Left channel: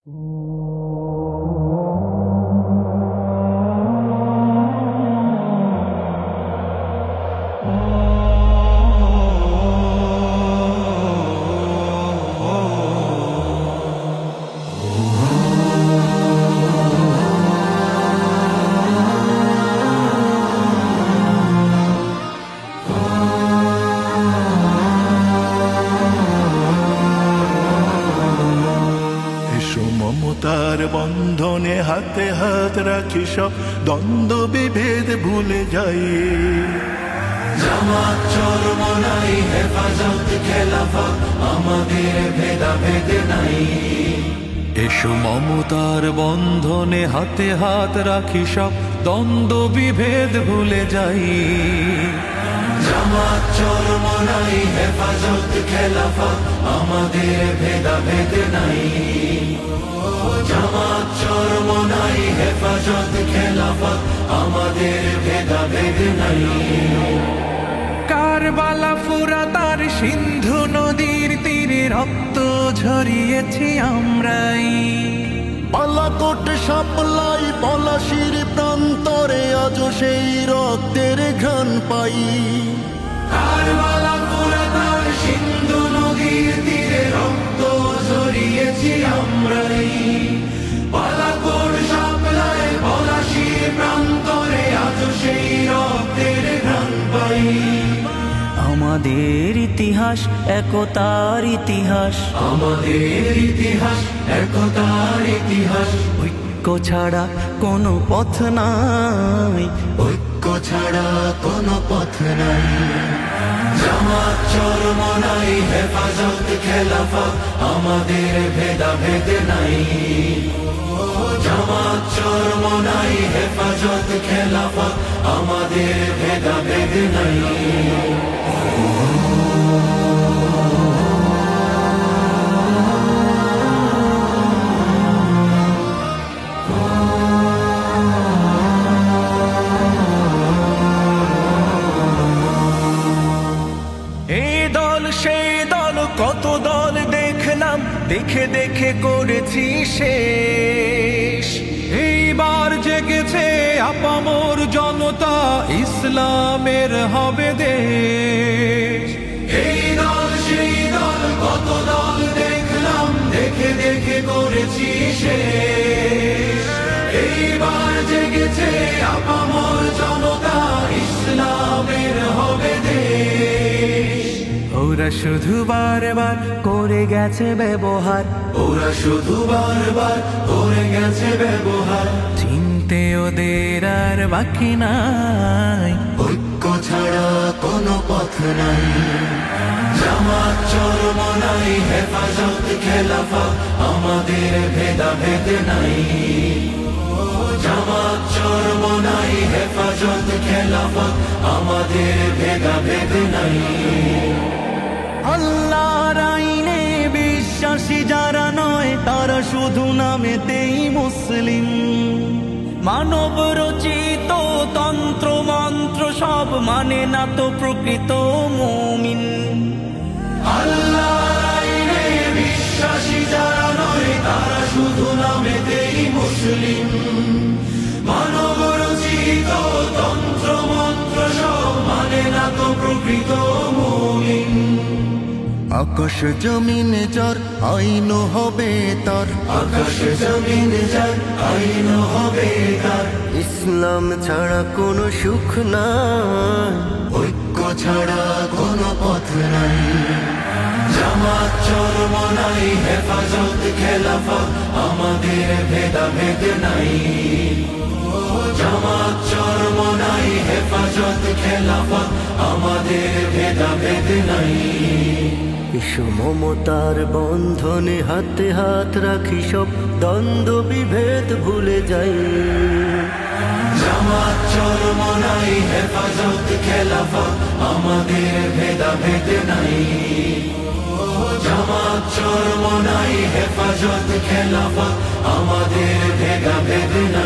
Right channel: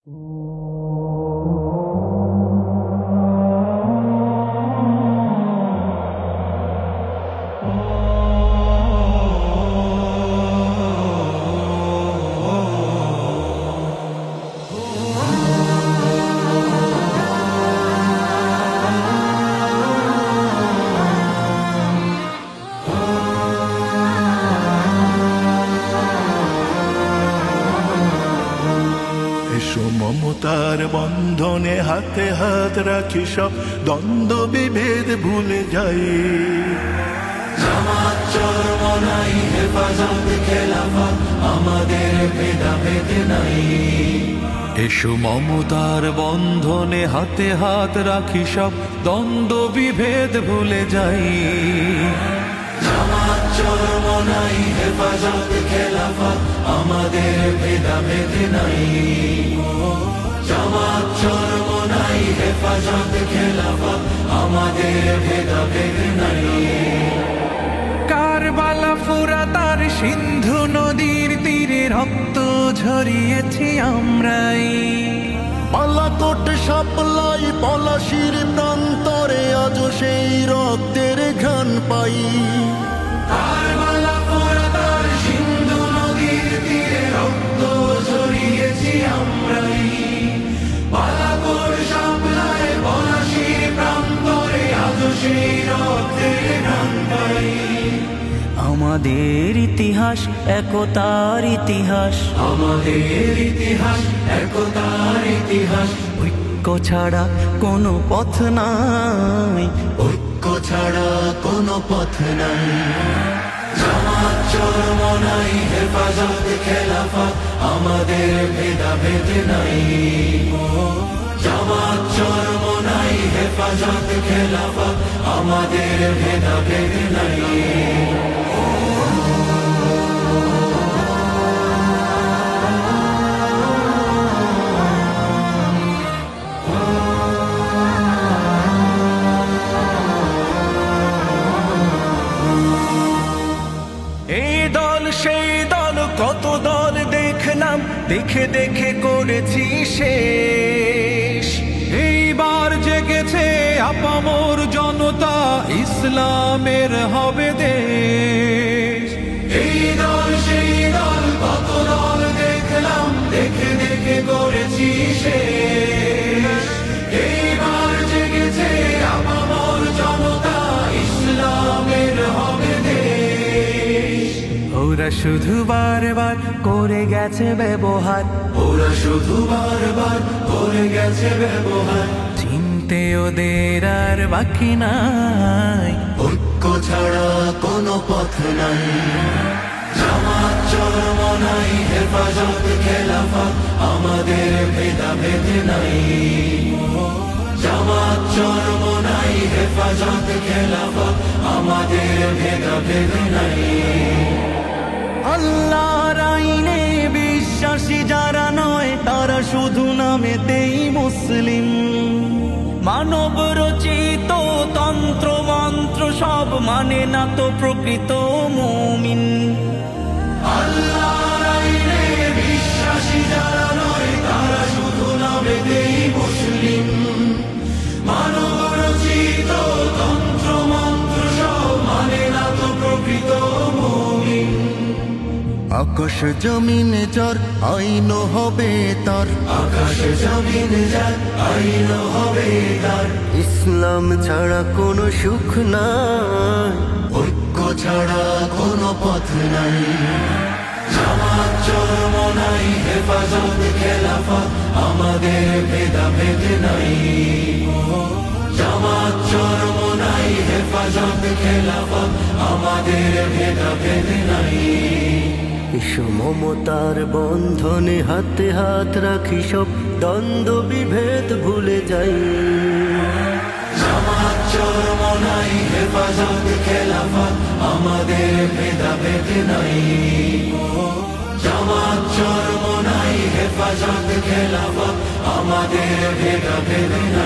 এসো মমতার বন্ধনে হাতে হাত রাখি, সব দ্বন্দ্ব বিভেদ ভুলে যাই। জামাত চরমনাই হেফাজত খেলাফত আমাদের ভেদাভেদ নাই। এসো মমতার বন্ধনে হাতে হাত রাখি, সব দ্বন্দ্ব বিভেদ ভুলে যাই। জামাত চরমনাই হেফাজত খেলাফত আমাদের ভেদাভেদ নাই। জামাত চরমনাই হেফাজত খেলাফত আমাদের ভেদাভেদ নাই। কারবালা ফুরাত আর সিন্ধু নদীর তীরে রক্ত ঝরিয়েছি আমরাই। বালাকোট সাপলাই পলাশির প্রান্তরে আজও সেই রক্তের ঘ্রাণ পাই। কারবালা ফুরাত আর সিন্ধু নদীর তীরে রক্ত ঝরিয়েছি আমরাই। বালাকোট সাপলাই পলাশির প্রান্তরে আজও সেই রক্তের ঘ্রাণ পাই। আমাদের ইতিহাস একতার ইতিহাস, আমাদের ইতিহাস একতার ইতিহাস। ঐক্য ছাড়া কোনো পথ নাই, ঐক্য ছাড়া কোনো পথ নাই। জামাত চরমনাই হেফাজত খেলাফত আমাদের ভেদাভেদ নাই। জামাত চরমনাই হেফাজত খেলাফত আমাদের ভেদাভেদ নাই। এই দল সেই দল কত দল দেখলাম, দেখে দেখে করেছি শেষ। এইবার জেগেছে আপামর জনতা, ইসলামের হবে দেশ। এই দল সেই দল কত দল দেখলাম, দেখে দেখে করেছি শেষ। এইবার জেগেছে আপামর জনতা, ইসলামের হবে দেশ। ওরা শুধু বারবার করে গেছে ব্যবহার, ওরা শুধু বারবার করে গেছে ব্যবহার। চিনতে ওদের আর বাকি নাই, ঐক্য ছাড়া কোনো পথ নাই। জামাত চরমনাই হেফাজত খেলাফত আমাদের ভেদাভেদ নাই। জামাত চরমনাই হেফাজত খেলাফত আমাদের ভেদাভেদ নাই। আল্লাহর আইনে বিশ্বাসী যারা নয়, তারা শুধু নামেতেই মুসলিম। মানব রচিত তন্ত্র মন্ত্র সব মানে না তো প্রকৃত মুমিন। আল্লাহর আইনে বিশ্বাসী যারা নয়, তারা শুধু নামেতেই মুসলিম। মানব রচিত তন্ত্র মন্ত্র সব মানে না তো প্রকৃত মুমিন। আকাশ জমিন যার আইন হবে তার, আকাশ জমিন যার আইন হবে তার। ইসলাম ছাড়া কোনো সুখ নাই, ঐক্য ছাড়া কোনো পথ নাই। জামাত চরমনাই হেফাজত খেলাফত আমাদের ভেদাভেদ নাই। জামাত চরমনাই হেফাজত খেলাফত আমাদের ভেদাভেদ নাই। এসো মমতার বন্ধনে হাতে হাত রাখি, সব দ্বন্দ্ব বিভেদ ভুলে যাই। জামাত চরমনাই হেফাজত খেলাফত আমাদের ভেদাভেদ নাই। জামাত চরমনাই হেফাজত খেলাফত আমাদের ভেদাভেদ নাই।